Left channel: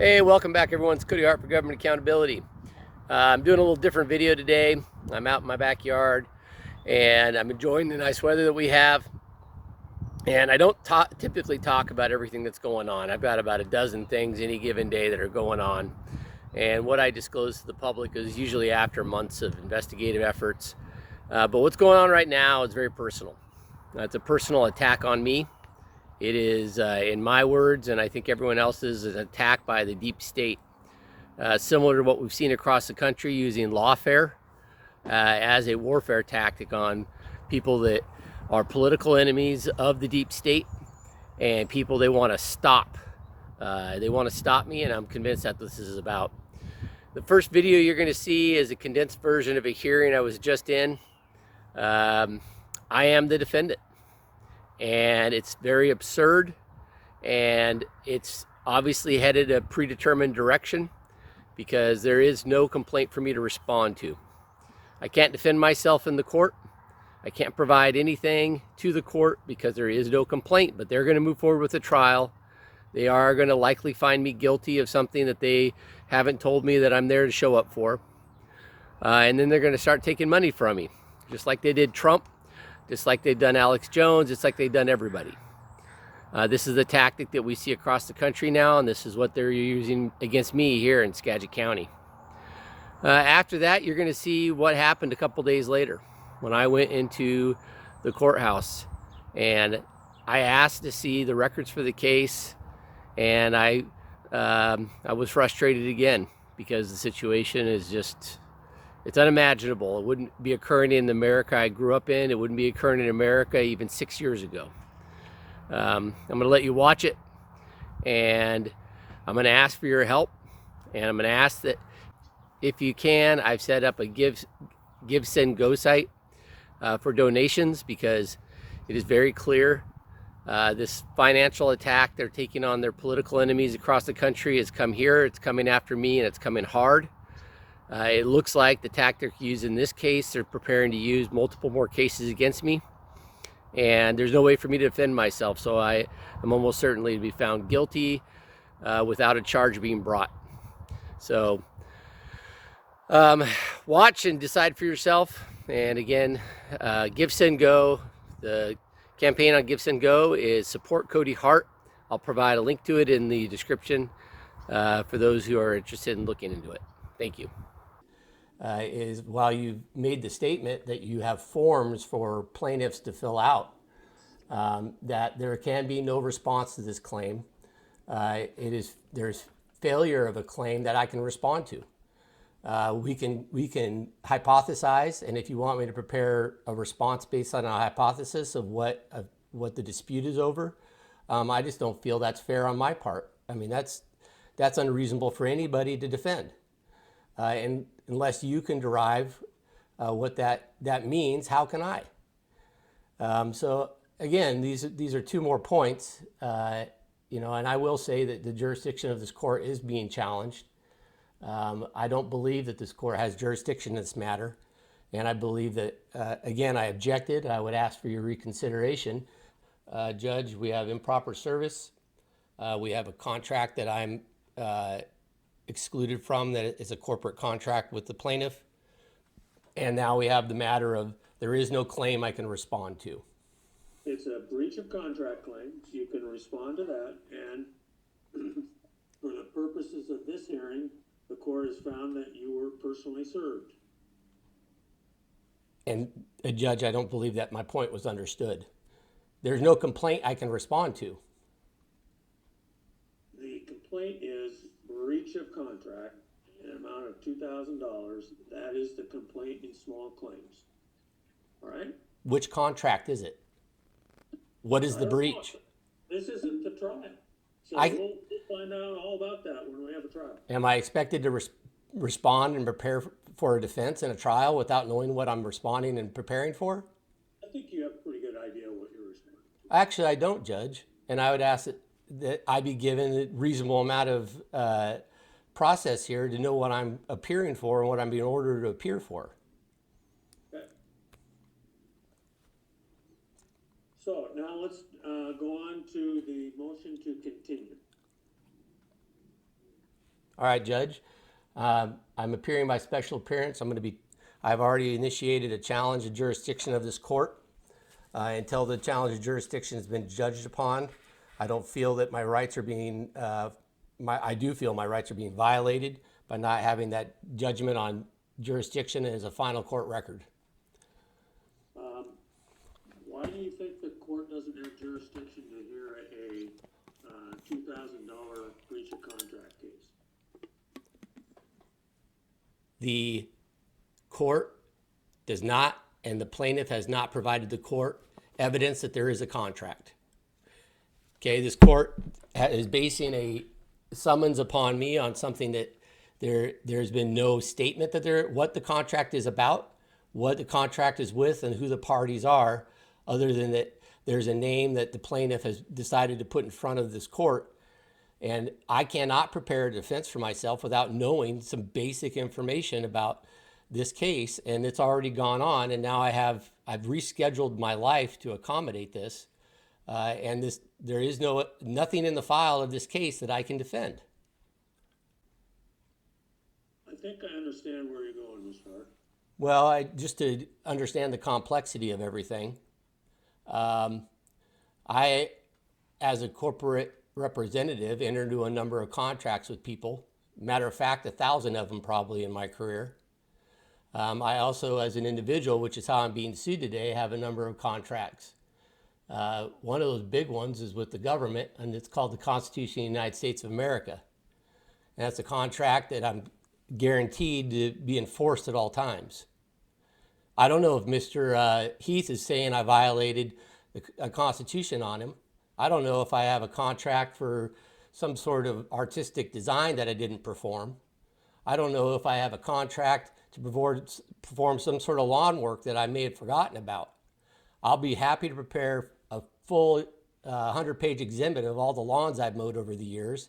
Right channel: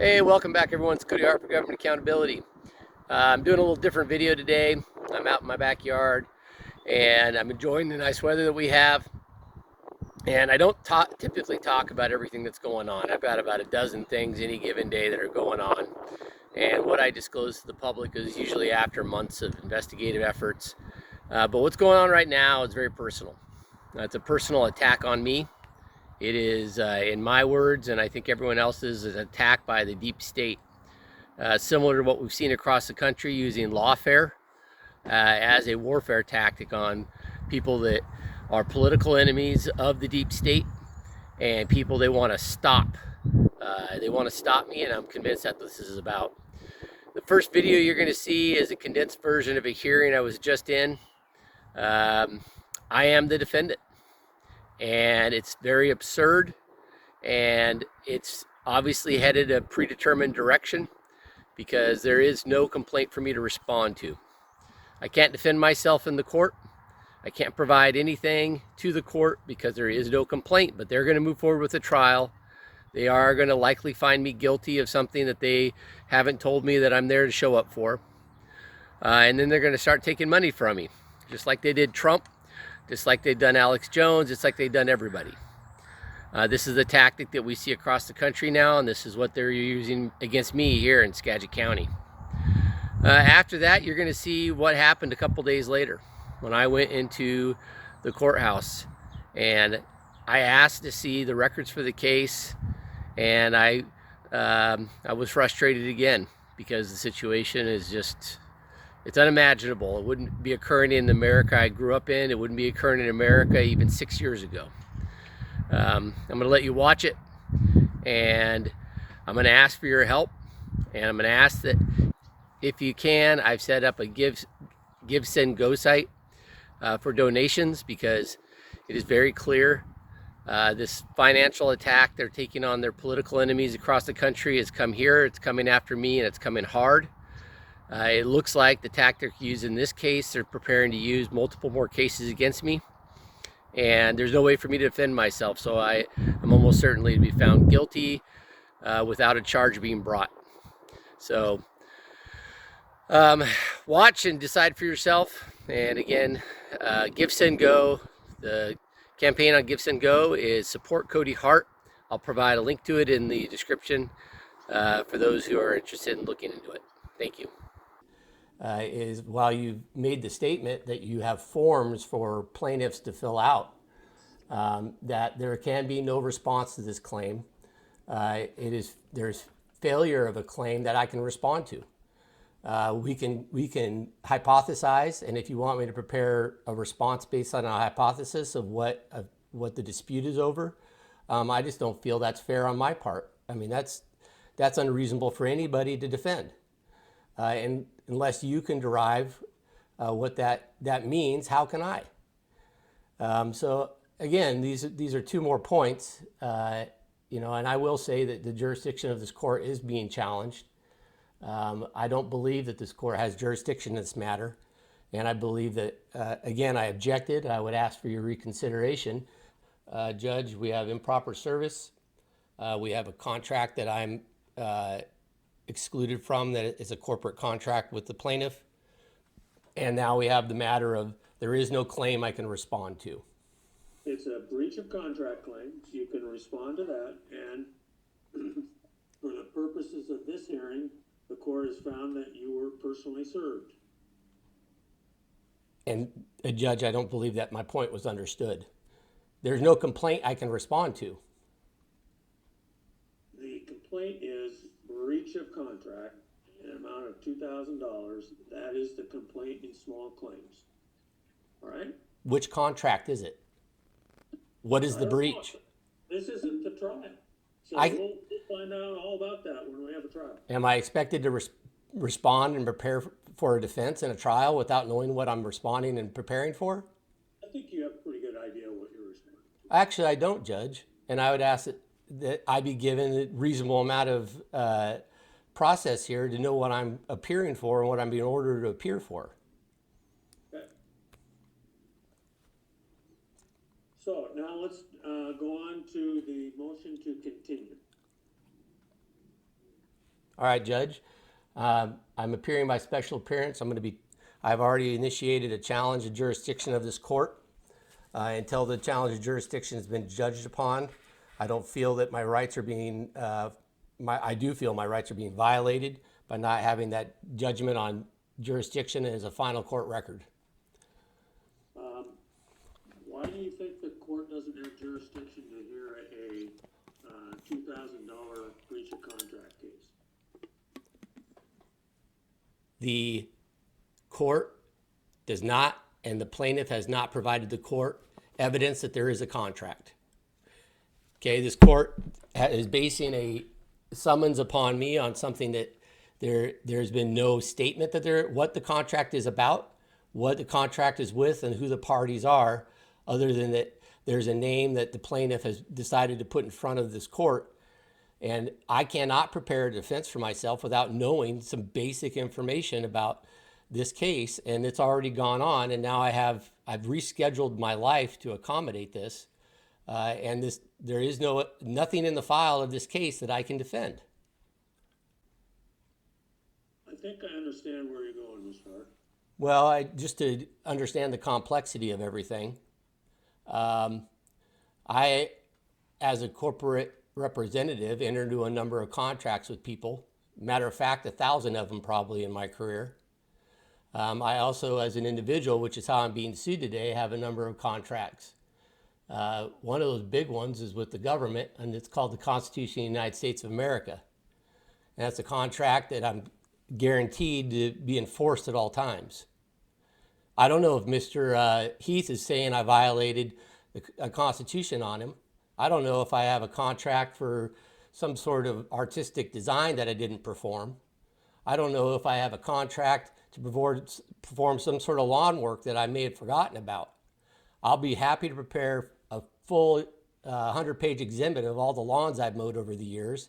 Hey, welcome back everyone. It's Cody Hart for Government Accountability. I'm doing a little different video today. I'm out in my backyard and I'm enjoying the nice weather that we have. And I don't typically talk about everything that's going on. I've got about a dozen things any given day that are going on. And what I disclose to the public is usually after months of investigative efforts. But what's going on right now is very personal. It's a personal attack on me. It is, in my words, and I think everyone else's, an attack by the deep state. Similar to what we've seen across the country using lawfare as a warfare tactic on people that are political enemies of the deep state and people they want to stop. They want to stop me, and I'm convinced that this is about. The first video you're going to see is a condensed version of a hearing I was just in. I am the defendant. And it's very absurd, and it's obviously headed a predetermined direction because there is no complaint for me to respond to. I can't defend myself in the court. I can't provide anything to the court because there is no complaint, but they're going to move forward with the trial. They are going to likely find me guilty of something that they haven't told me that I'm there to show up for. And then they're going to start taking money from me, just like they did Trump. Just like they've done Alex Jones, just like they've done everybody. This is a tactic that we see across the country now, and this is what they're using against me here in Skagit County. After that, you're going to see what happened a couple days later when I went into the courthouse and I asked to see the records for the case, and I was frustrated again because the situation is just, it's unimaginable. It wouldn't be occurring in America I grew up in. It wouldn't be occurring in America even 6 years ago. I'm going to let you watch it, and I'm going to ask for your help, and I'm going to ask that if you can, I've set up a Give, Send, Go site for donations because it is very clear this financial attack they're taking on their political enemies across the country has come here. It's coming after me, and it's coming hard. It looks like the tactic used in this case, they're preparing to use multiple more cases against me. And there's no way for me to defend myself. So I'm almost certainly to be found guilty without a charge being brought. So watch and decide for yourself. And again, Give, Send, Go. The campaign on Give, Send, Go is support Cody Hart. I'll provide a link to it in the description for those who are interested in looking into it. Thank you. Is while you've made the statement that you have forms for plaintiffs to fill out, that there can be no response to this claim. There's failure of a claim that I can respond to. We can hypothesize, and if you want me to prepare a response based on a hypothesis of what the dispute is over, I just don't feel that's fair on my part. I mean, that's unreasonable for anybody to defend. And unless you can derive what that means, how can I? So again, these are two more points, and I will say that the jurisdiction of this court is being challenged. I don't believe that this court has jurisdiction in this matter, and I believe that, again, I objected. I would ask for your reconsideration. Judge, we have improper service. We have a contract that I'm excluded from that is a corporate contract with the plaintiff. And now we have the matter of there is no claim I can respond to. It's a breach of contract claim. You can respond to that. And for the purposes of this hearing, the court has found that you were personally served. And Judge, I don't believe that my point was understood. There's no complaint I can respond to. The complaint is breach of contract in an amount of $2,000. That is the complaint in small claims. All right? Which contract is it? What is the breach? This isn't the trial. So we'll find out all about that when we have a trial. Am I expected to respond and prepare for a defense in a trial without knowing what I'm responding and preparing for? I think you have a pretty good idea what you're responding to. Actually, I don't, Judge. And I would ask that I be given a reasonable amount of process here to know what I'm appearing for and what I'm being ordered to appear for. Okay. So now let's go on to the motion to continue. All right, Judge. I'm appearing by special appearance. I've already initiated a challenge of jurisdiction of this court. Until the challenge of jurisdiction has been judged upon, I don't feel that my rights are being, I do feel my rights are being violated by not having that judgment on jurisdiction as a final court record. Why do you think the court doesn't have jurisdiction to hear a $2,000 breach of contract case? The court does not, and the plaintiff has not provided the court evidence that there is a contract. Okay, this court is basing a summons upon me on something that there's been no statement that what the contract is about, what the contract is with, and who the parties are, other than that there's a name that the plaintiff has decided to put in front of this court. And I cannot prepare a defense for myself without knowing some basic information about this case. And it's already gone on, and now I've rescheduled my life to accommodate this. There is nothing in the file of this case that I can defend. I think I understand where you're going, Mr. Hart. Well, just to understand the complexity of everything, I, as a corporate representative, entered into a number of contracts with people. Matter of fact, 1,000 of them probably in my career. I also, as an individual, which is how I'm being sued today, have a number of contracts. One of those big ones is with the government, and it's called the Constitution of the United States of America. And that's a contract that I'm guaranteed to be enforced at all times. I don't know if Mr. Heath is saying I violated the Constitution on him. I don't know if I have a contract for some sort of artistic design that I didn't perform. I don't know if I have a contract to perform some sort of lawn work that I may have forgotten about. I'll be happy to prepare a full 100-page exhibit of all the lawns I've mowed over the years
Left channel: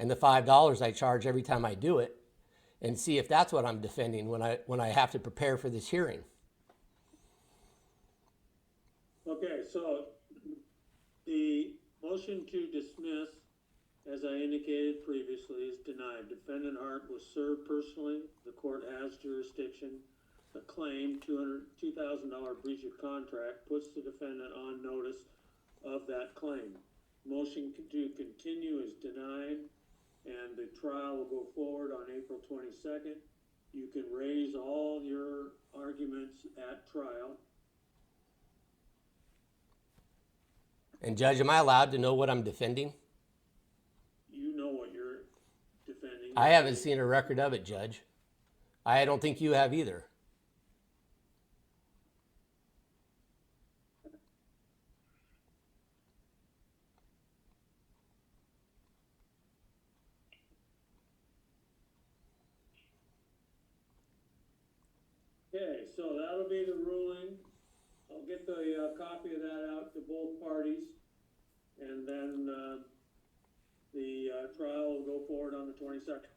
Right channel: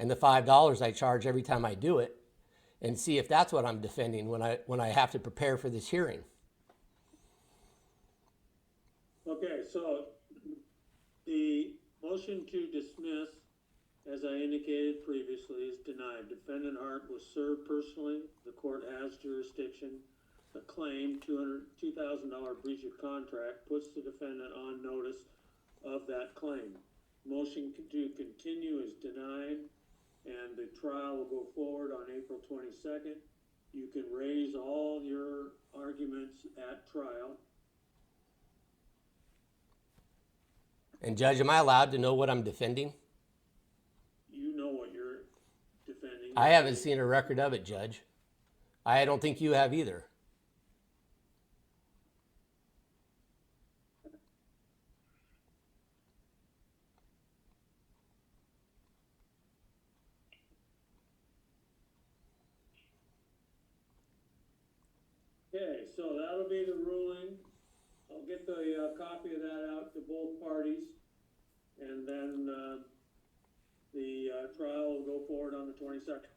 and the $5 I charge every time I do it, and see if that's what I'm defending when I have to prepare for this hearing. Okay, so the motion to dismiss, as I indicated previously, is denied. Defendant Hart was served personally. The court has jurisdiction. The claim, $2,000 breach of contract, puts the defendant on notice of that claim. Motion to continue is denied, and the trial will go forward on April 22nd. You can raise all your arguments at trial. And Judge, am I allowed to know what I'm defending? You know what you're defending. I haven't seen a record of it, Judge. I don't think you have either. Okay, so that'll be the ruling. I'll get the copy of that out to both parties, and then the trial will go forward on the 22nd.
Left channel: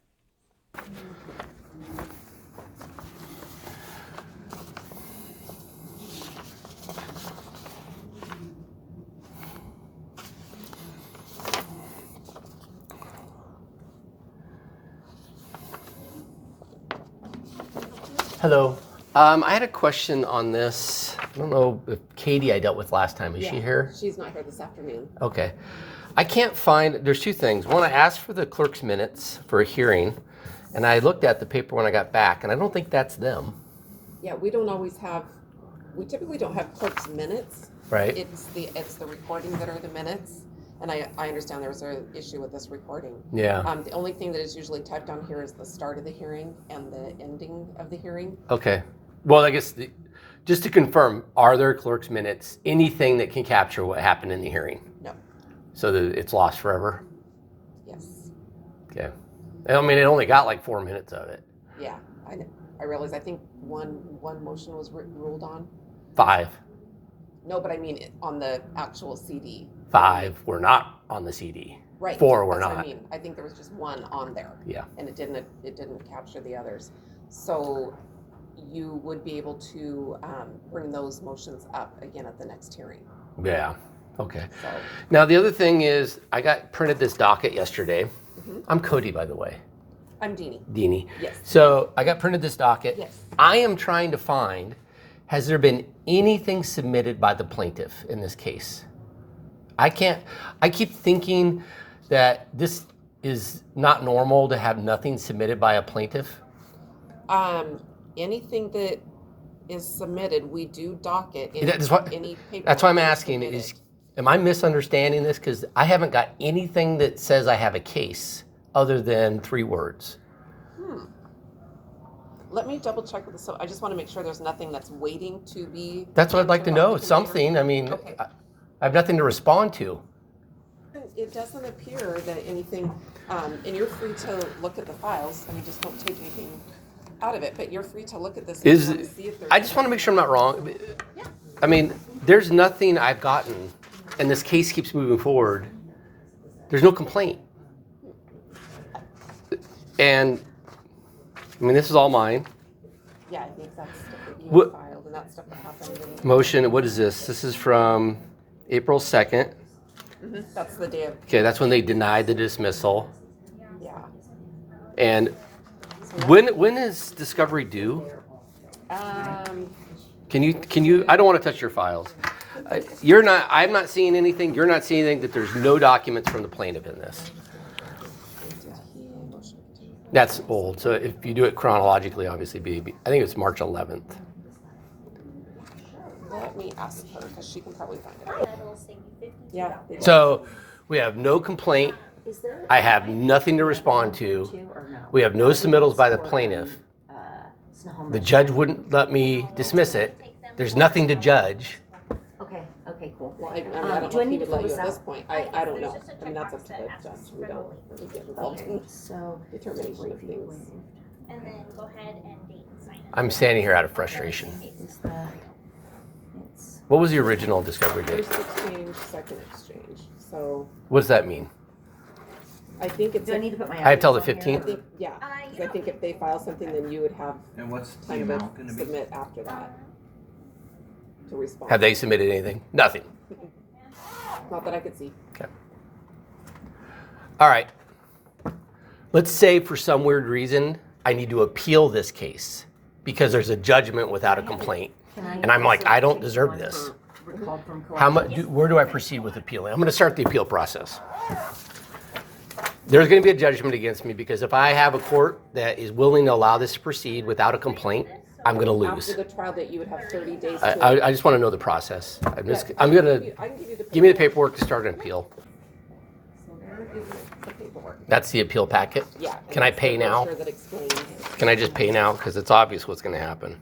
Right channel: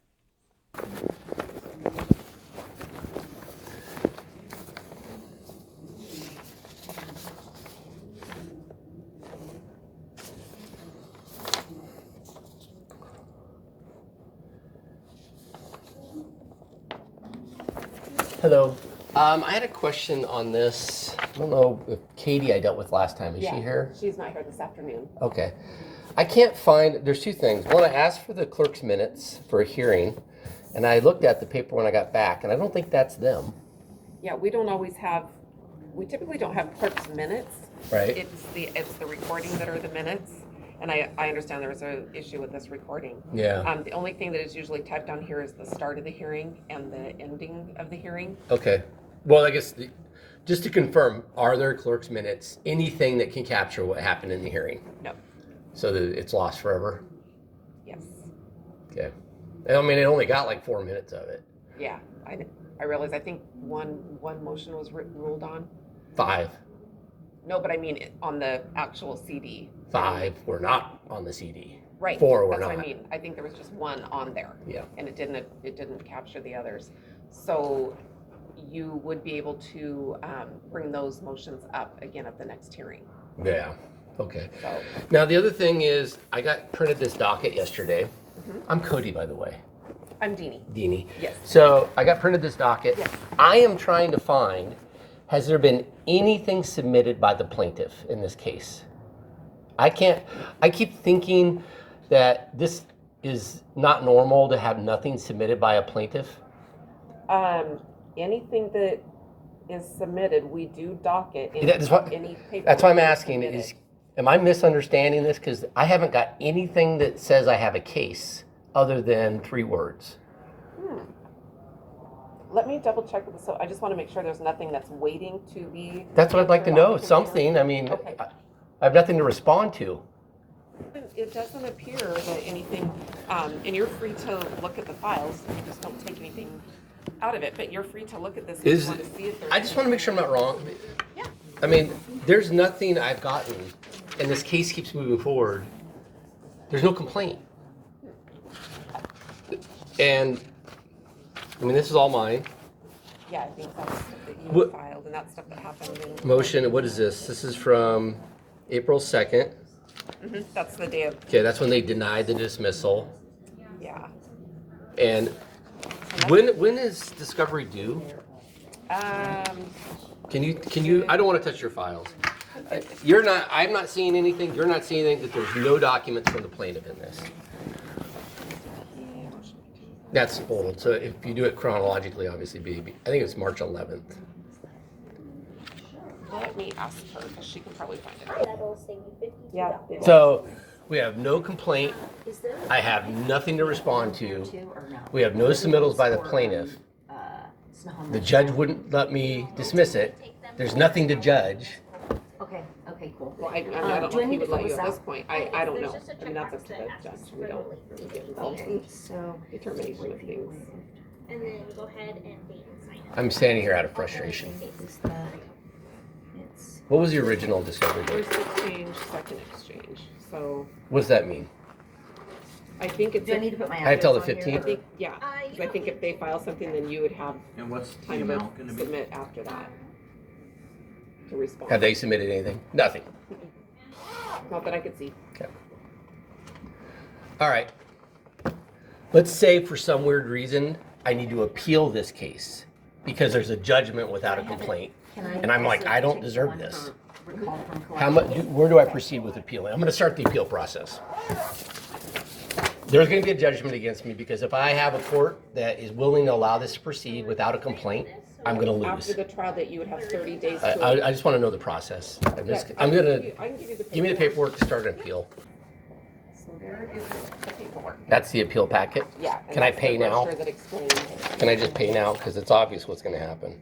Hello. I had a question on this. I don't know if Cody I dealt with last time. Is she here? She's not here this afternoon. Okay. I can't find, there's two things. One, I asked for the clerk's minutes for a hearing, and I looked at the paper when I got back, and I don't think that's them. Yeah, we typically don't have clerk's minutes. Right. It's the recording that are the minutes. And I understand there was an issue with this recording. Yeah. The only thing that is usually typed on here is the start of the hearing and the ending of the hearing. Okay. Well, I guess just to confirm, are there clerk's minutes, anything that can capture what happened in the hearing? No. So that it's lost forever? Yes. Okay. I mean, it only got like 4 minutes of it. Yeah. I realize, I think one motion was ruled on. 5. No, but I mean on the actual CD. 5 were not on the CD. Right. 4 were That's not. what I mean. I think there was just one on there. Yeah. And it didn't capture the others. So you would be able to bring those motions up again at the next hearing. Yeah. Okay. So Now the other thing is, I got printed this docket yesterday. mm-hmm. I'm Cody, by the way. I'm Deanie. Deanie. Yes. So I got printed this docket. Yes. I am trying to find, has there been anything submitted by the plaintiff in this case? I keep thinking that this is not normal to have nothing submitted by a plaintiff. Anything that is submitted, we do docket That's what- any paperwork. That's why I'm that is asking, submitted. am I misunderstanding this? Because I haven't got anything that says I have a case other than 3 words. Let me double check with this. So I just want to make sure there's nothing that's waiting to be. That's what I'd like to entered on know, the computer. something. I mean, Okay. I have nothing to respond to. It doesn't appear that anything, and you're free to look at the files. I mean, just don't take anything out of it. But you're free to look at this if you want to see if there's. I just want to make sure I'm not wrong. Yeah. I mean, there's nothing I've gotten, and this case keeps moving forward. There's no complaint. And, I mean, this is all mine. Yeah, I think that's stuff that you What- filed, and that's stuff that happened. Motion, what is this? This is from April 2nd. That's the day of. Okay, that's when they denied the dismissal. Yeah. And when is discovery due? Can you, I don't want to touch your files. I'm not seeing anything, you're not seeing anything, that there's no documents from the plaintiff in this. That's old, so if you do it chronologically, obviously, I think it's March 11th. Let me ask her because she can probably find it. That'll save you $52. Yeah. they do. So we have no complaint. Is there I have nothing to respond to. or no? We have no submittals by the plaintiff. Snohomish? The judge wouldn't let me dismiss it. There's nothing to judge. Okay, cool. Well, I don't do know I if he need to would fill let you this at this out? point. I don't know. I mean, that's up to the judge. We don't get involved Okay, in so. determination of things. And then go ahead and date and sign it. I'm standing here out of frustration. Is that, it's, What was the original discovery date? First exchange, second exchange. So What does that mean? I think it's. do I need to put my I have till the address on here? 15th? I think, yeah, because I think if they file something, then you would have And what's the time to amount gonna be? submit after that to respond. Have they submitted anything? Nothing. Not that I could see. Okay. All right. Let's say for some weird reason, I need to appeal this case because there's a judgment without a complaint. Can I And I'm like, I don't take the deserve one this. for recalled from How much? collection? Where do I proceed with appealing? I'm going to start the appeal process. There's going to be a judgment against me because if I have a court that is willing to allow this to proceed without a complaint, I'm going to After lose. the trial that you would have 30 days to. I just want to know the process. I'm I going can to give you the give me the paperwork to start an appeal. So there is the paperwork. That's the appeal packet. Yeah. and Can I that's the pay now? brochure that explains. Can I just pay now? Because it's obvious what's going to happen.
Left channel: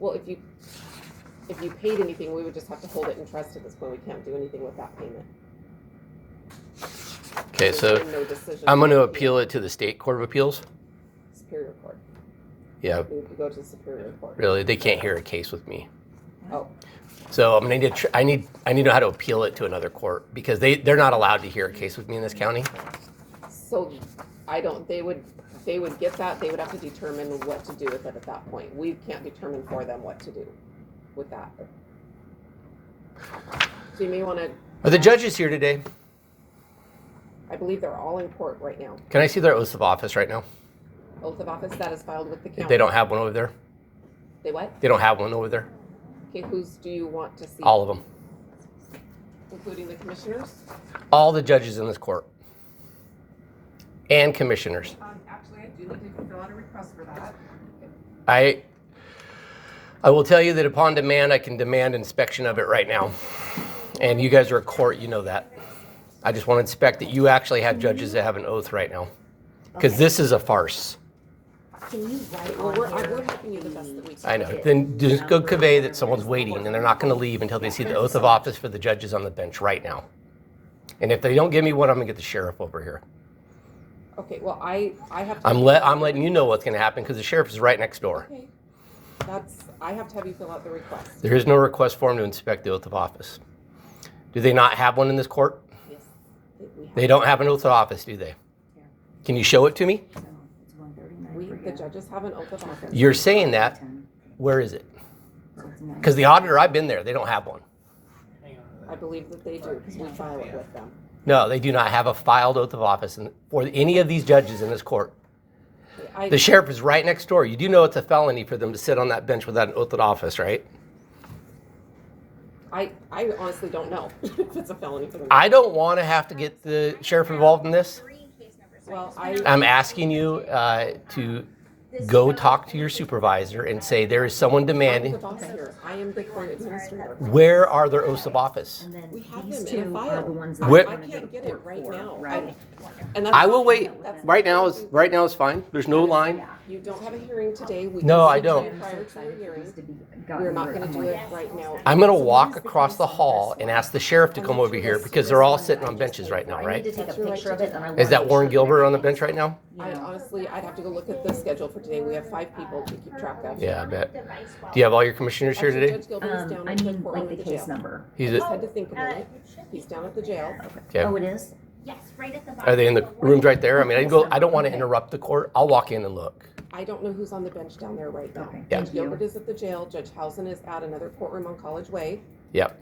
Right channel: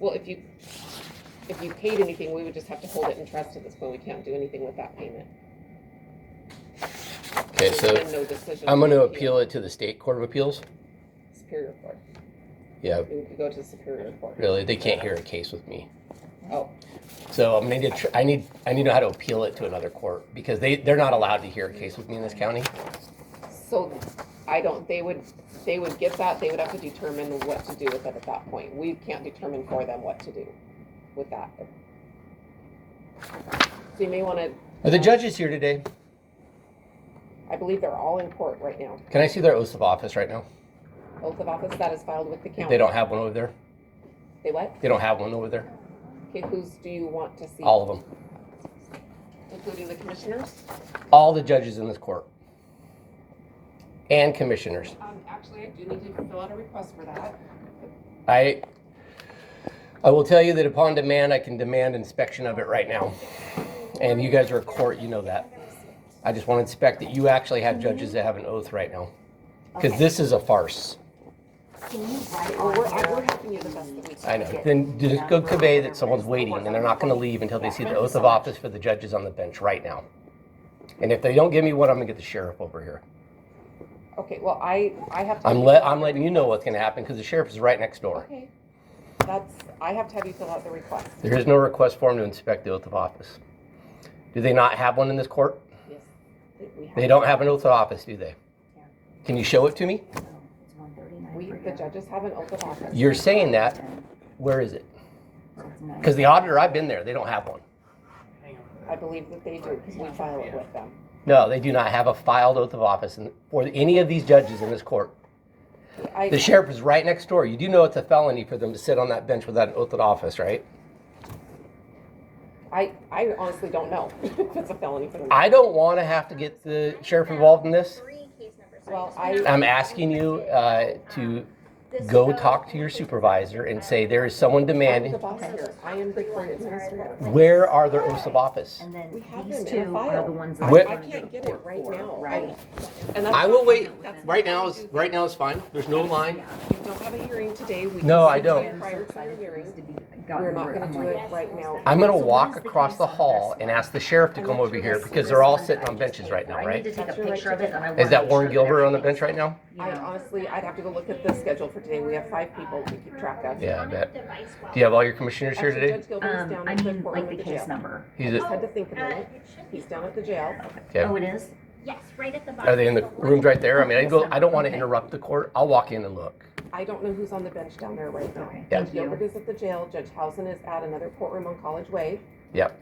Well, if you paid anything, we would just have to hold it in trust at this point. We can't do anything with that payment. Okay, There's so been no decision I'm going to made appeal it to the State Court of Appeals. Superior Court. Yeah, We would go to Superior Court. really, they can't hear a case with me. Oh, So I'm going to need to, I need to know how to appeal it to another court because they're not allowed to hear a case with me in this county. so they would get that, they would have to determine what to do with it at that point. We can't determine for them what to do with that. So you may wanna. Are the judges here today? I believe they're all in court right now. Can I see their oaths of office right now? Oath of office that is filed with the county. They don't have one over there? They what? They don't have one over there? Okay, whose do you want to see? All of them. Including the commissioners? All the judges in this court. And commissioners. Actually, I do need to fill out a request for that. I will tell you that upon demand, I can demand inspection of it right now. And you guys are a court, you know that. I just want to inspect that you actually have judges that have an oath right now. Because Okay. this is a farce. Can you write Well, on we're here? helping you the best that we can. I know. Then just go convey that someone's waiting and they're not going to leave until they see the oath of office for the judges on the bench right now. And if they don't give me one, I'm going to get the sheriff over here. Okay, well, I have to. I'm letting you know what's going to happen because the sheriff is right next door. Okay, I have to have you fill out the request. There is no request form to inspect the oath of office. Do they not have one in this court? Yes. We have. They don't have an oath of office, do they? Can you show it to me? No, it's 139 We, for the you. judges have an oath of office. You're saying that. Where is it? So it's 9. Because the auditor, I've been there. They don't have one. I believe that they do, because we file it with them. No, they do not have a filed oath of office for any of these judges in this court. The sheriff is right next door. You do know it's a felony for them to sit on that bench without an oath of office, right? I honestly don't know if it's a felony for them. I don't want to have to get the sheriff involved in this. Well, I'm asking you to go talk to your supervisor and say there is someone I'm the demanding. boss here. I am the court administrator. Where are their oaths of office? And then We have these them in a two are file. the ones I that Where- we're I gonna can't go get to it court right for, now. Right. And that's I will wait. that's- Right now is fine. There's no line. You don't have a hearing today. We No, can I set don't. it Prior to the hearing. We're We're not gonna do it right now. I'm gonna walk across the hall and ask the sheriff to come over here because they're all sitting on benches right now, I need right? to take a That's your picture right of to it, and I Is wanna that make Warren sure Gilbert on the everything's, bench right now? you I know, honestly, I'd have to go look at the schedule for today. We have 5 people to keep track of. Yeah, I bet. Do you have all your commissioners here Actually, today? Judge Gilbert is down I at the mean, courtroom like at the the case jail. number. I He's just a, had to think a minute. He's down at the jail. okay. Oh, it is? Yes, right at the bottom. Are they in the rooms right there? I mean, I don't want to interrupt the court. I'll walk in and look. I don't know who's on the bench down there right now. Okay, Yeah. Judge thank you. Gilbert is at the jail. Judge Housen is at another courtroom on College Way. Yep.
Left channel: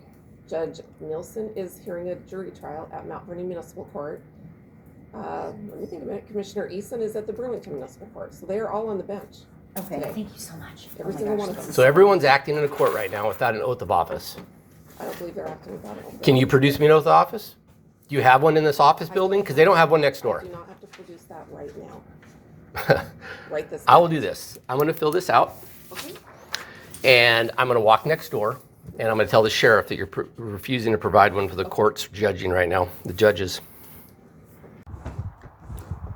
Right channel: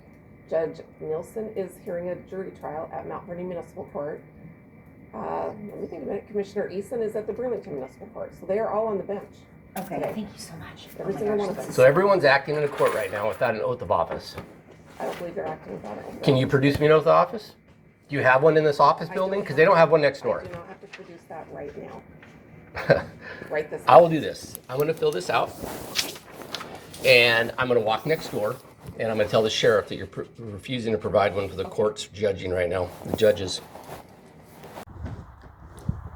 Judge Nielsen is hearing a jury trial at Mount Vernon Municipal Court. Let me think a minute. Commissioner Eason is at the Bloomington Municipal Court. So they are all on the bench. Okay, Today. thank you so much. Every Oh my single gosh, one of this them. is So everyone's acting in a court right now without an oath of office. I don't believe they're acting without it. Can you produce me an oath of office? Do you have one in this office building? Because they don't have one next I door. do not have to produce that right now. Right this I will do this. I'm going to fill this out, Okay. and I'm going to walk next door, and I'm going to tell the sheriff that you're refusing to provide one for the courts judging right now, the judges.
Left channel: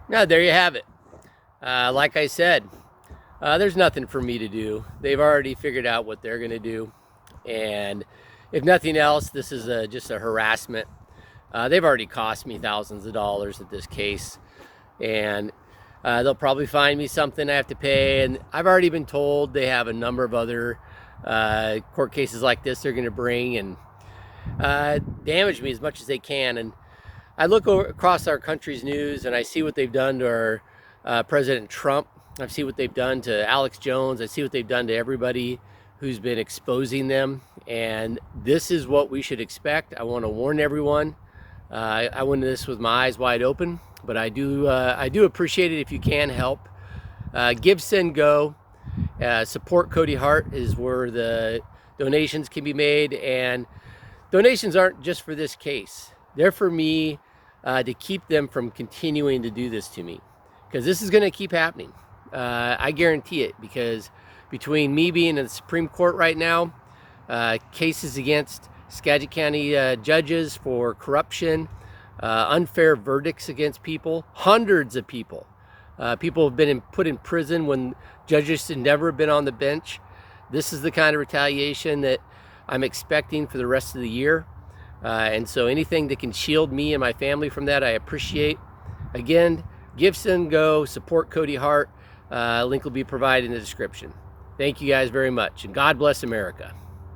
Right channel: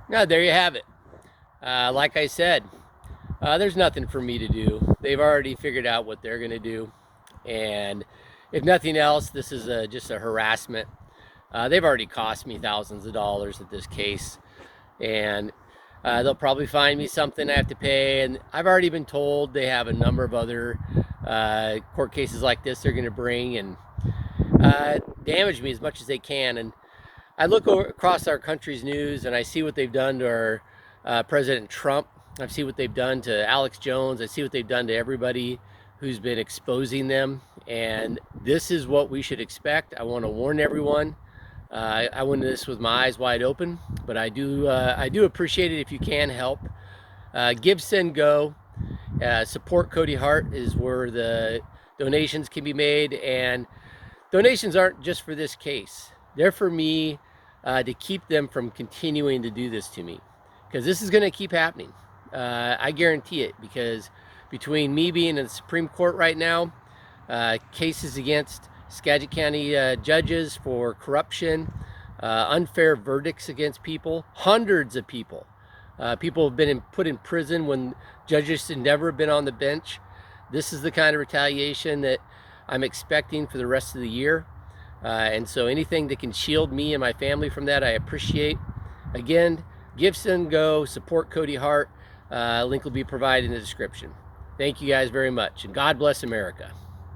Now, there you have it. Like I said, there's nothing for me to do. They've already figured out what they're going to do, and if nothing else, this is just a harassment. They've already cost me thousands of dollars at this case, and they'll probably find me something I have to pay, and I've already been told they have a number of other court cases like this they're going to bring and damage me as much as they can. And I look across our country's news and I see what they've done to our President Trump. I see what they've done to Alex Jones. I see what they've done to everybody who's been exposing them, and this is what we should expect. I want to warn everyone. I went into this with my eyes wide open, but I do appreciate it if you can help. Give, send, go. Support Cody Hart is where the donations can be made, and donations aren't just for this case. They're for me to keep them from continuing to do this to me, because this is going to keep happening. I guarantee it, because between me being in the Supreme Court right now, cases against Skagit County judges for corruption, unfair verdicts against people, hundreds of people. People have been put in prison when judges should never have been on the bench. This is the kind of retaliation that I'm expecting for the rest of the year. And so anything that can shield me and my family from that, I appreciate. Again, give, send, go, support Cody Hart. Link will be provided in the description. Thank you guys very much, and God bless America.